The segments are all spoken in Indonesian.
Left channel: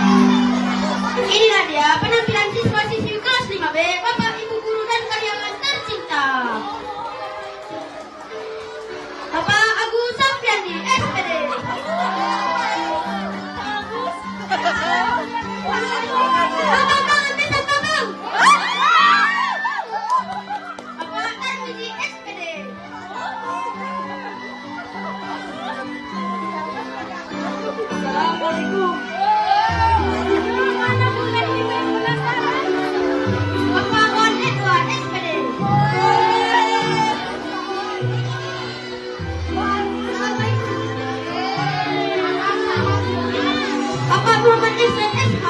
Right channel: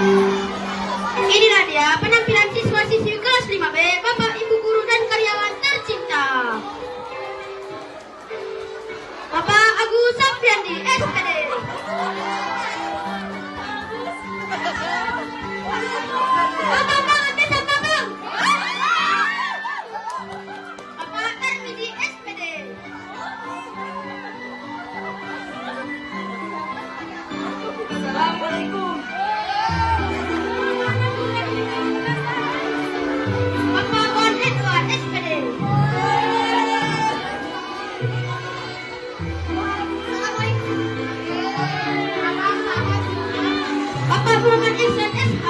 Inilah dia penampilan siswa-siswi kelas 5B, Bapak, Ibu guru dan karyawan tercinta. Bapak Agus Safiandi, SPD. Bapak Besar Babang. Bapak Tarmizi, SPD. Assalamualaikum. Bapak On Edward, SPD. Bapak Muhammad Islam, SH.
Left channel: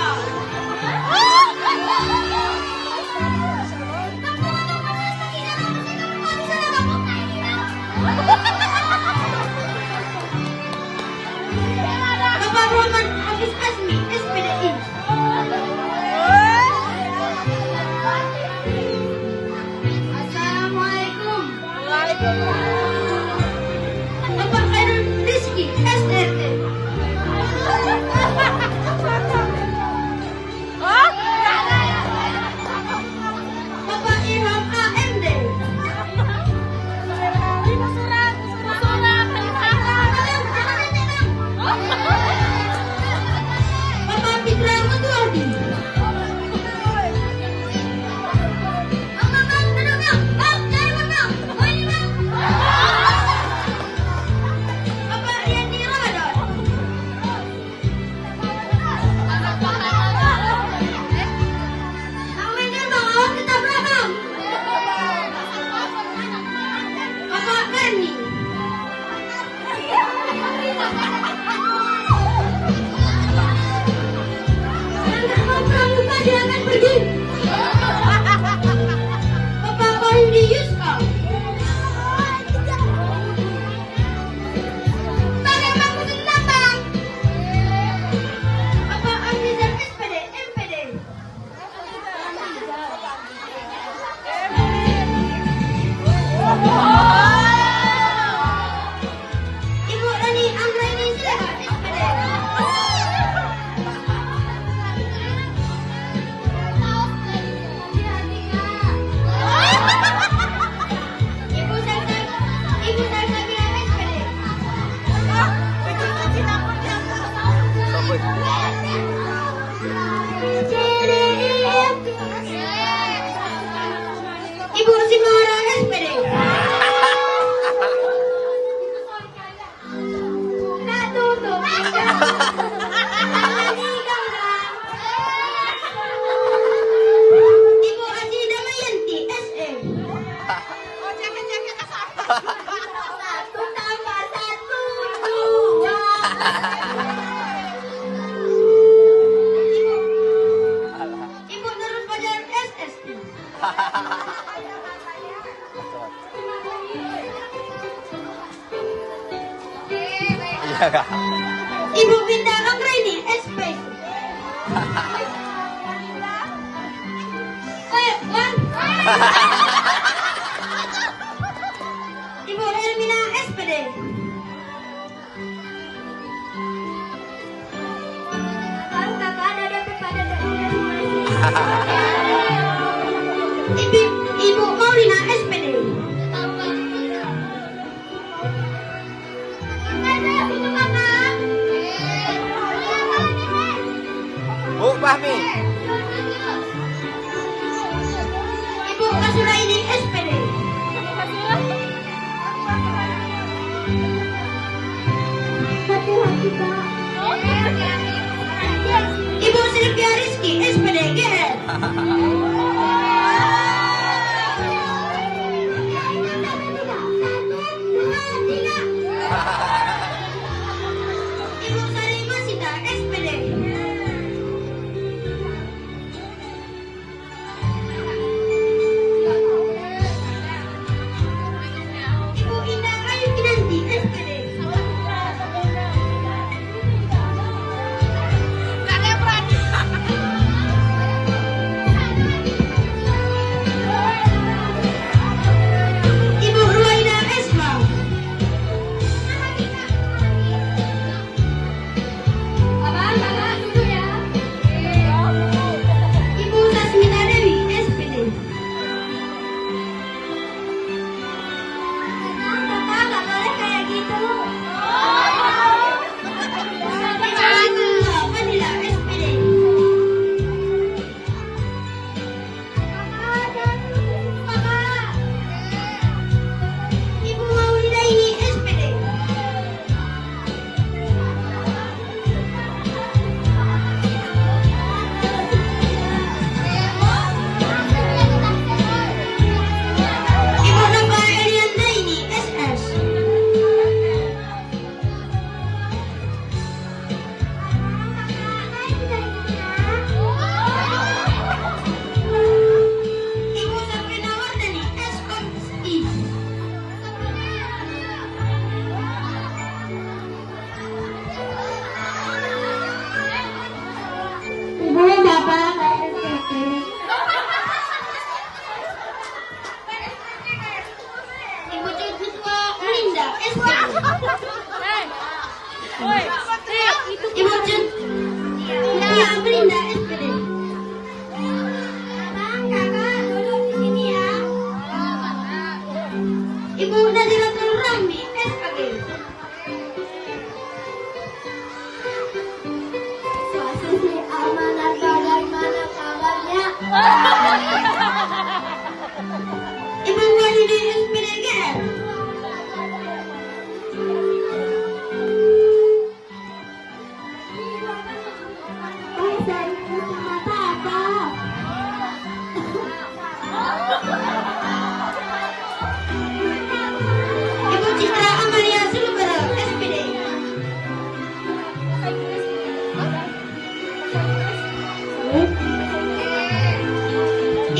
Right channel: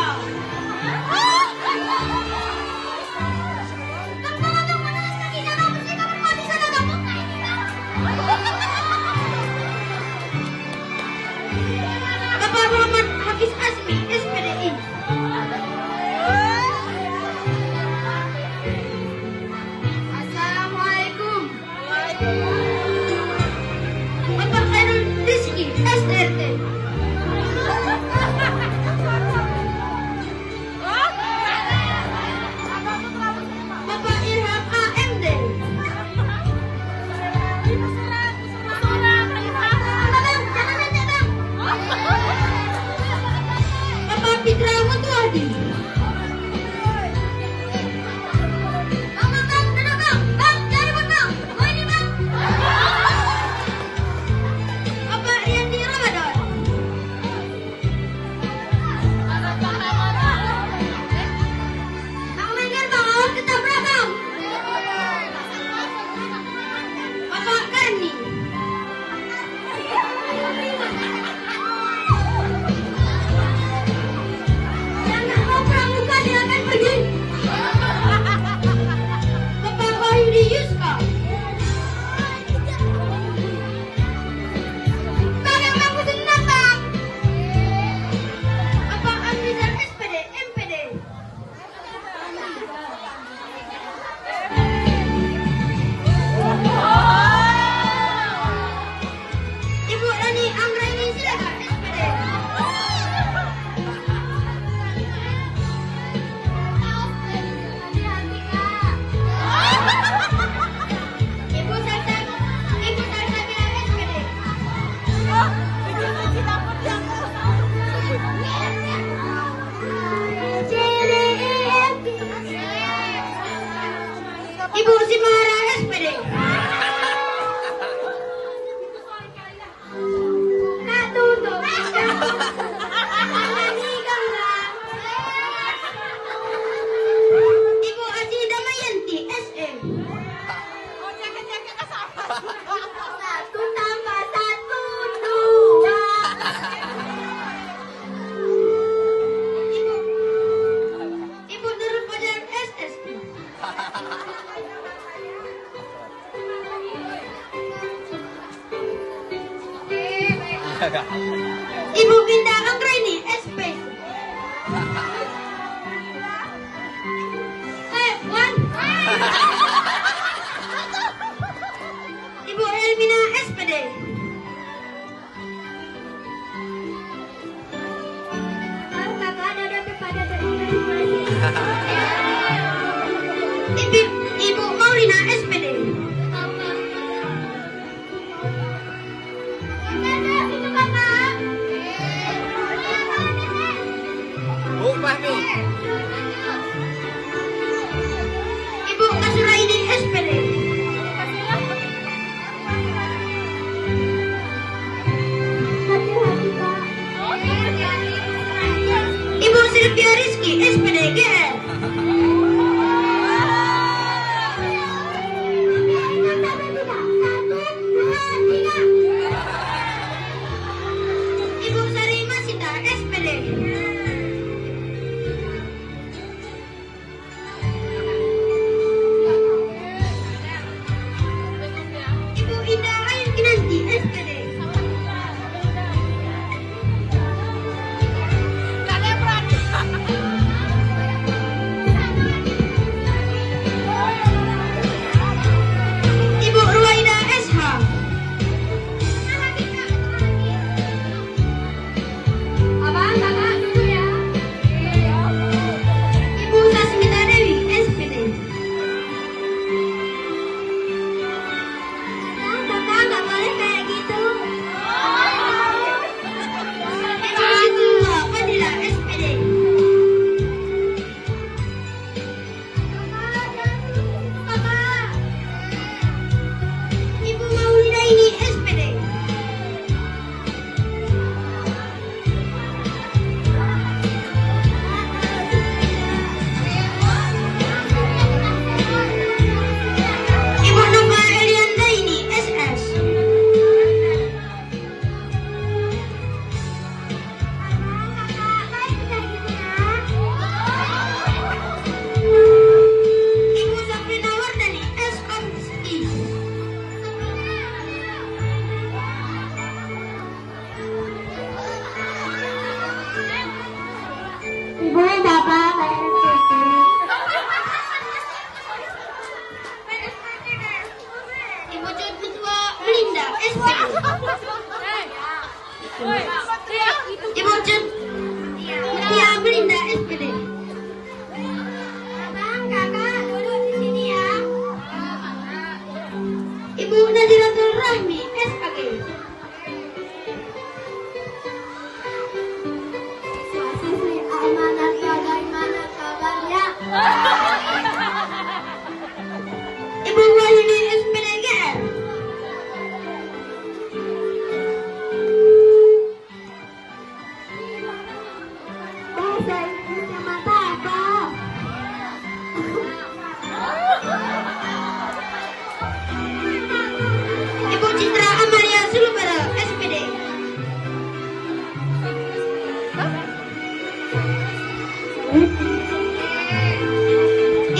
Bapak Muhammad Hafiz Asmi, SPDI. Assalamualaikum. Bapak Khairul Rizki, SDRT. Bapak Ilham, AMD. Bapak Fitra Mutuadi. Bapak Riyandi Ramadan. Namanya mau tetap belakang. Bapak Karni. Jangan mau pramuka silakan pergi. Bapak Wahyudi Yuska. Tangan bangku tentang. Bapak Amrizal, SPD, MPD. Ibu Rani Anggraini, silakan, SPD. Ibu Salsabila, SPD. Ibu Simara, SPD. Katutup. Ibu Aji Damayanti, SE. Satu tambah satu, dua. Ibu Nurul Fajar, SSP. Ibu Binda Anggraini, SP. Wan. Ibu Elmina, SPD. Ibu Maulina, SPD. Ibu Kasuraidi, SPD. Ibu Sylvia Rizky, SPD, GR. Ibu Sari Masita, SPD. Ibu Indah Ayu Kinanti, SPD. Linda SPD. Bang, kakak duduk di sini ya. Ibu Naziratul Rahmi SAG. Siswi amanah, bagaimana kabarnya? Ibu Wahyudi SPD GR. Ibu Citra Amalia Sulubara SPD.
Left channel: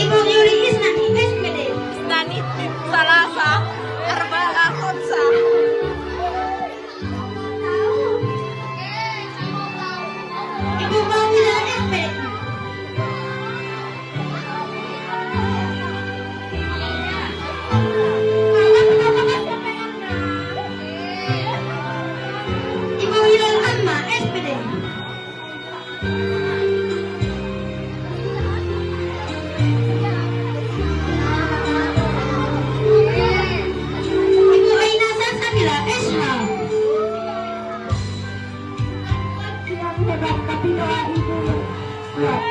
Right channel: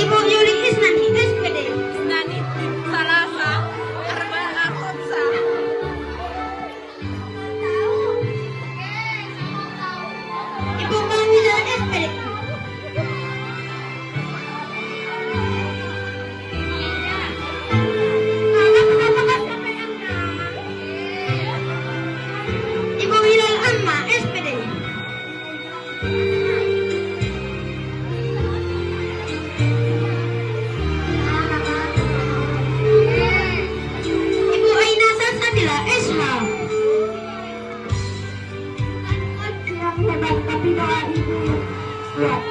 Ibu Yuli Isnani SPD. Nani Salasa Arba'a Khonsa. Ibu Mawida SPD. Ibu Hilal Amma SPD. Ibu Aina Salsabila SH. Yang hebat tapi doa ibu kuat.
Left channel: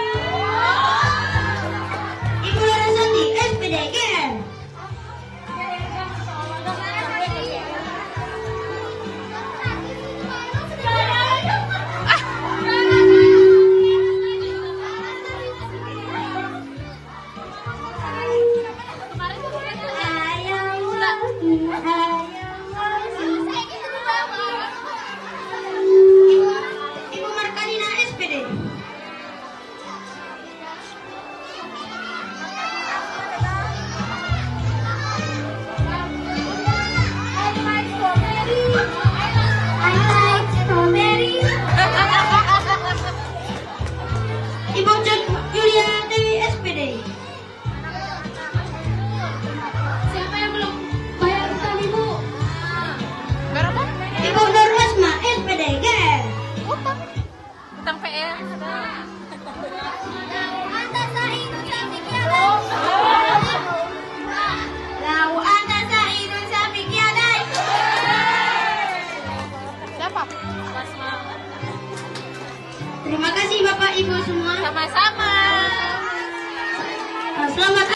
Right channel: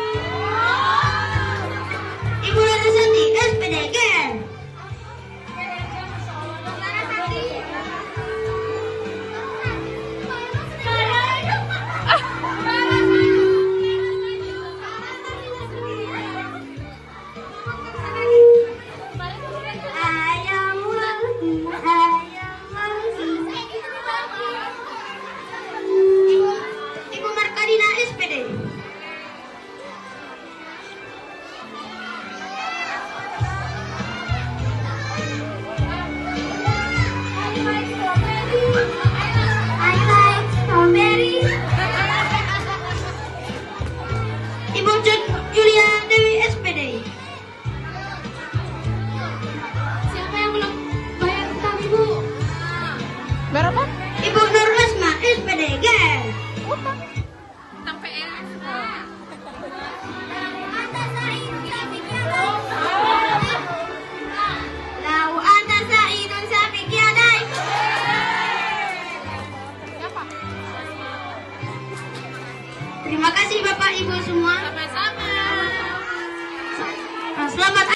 Ibu Larasati SPD GR. Ibu Markalina SPD. I like strawberry. Ibu Julia Dewi SPD. Siapa yang belum bayar utang ibu? Baru dah Ibu Nur Asma SPD GR. utang. Utang PR. Lau anta sa'idun safiq yadai. Siapa? Terima kasih Bapak Ibu semua. Sama-sama. Selamat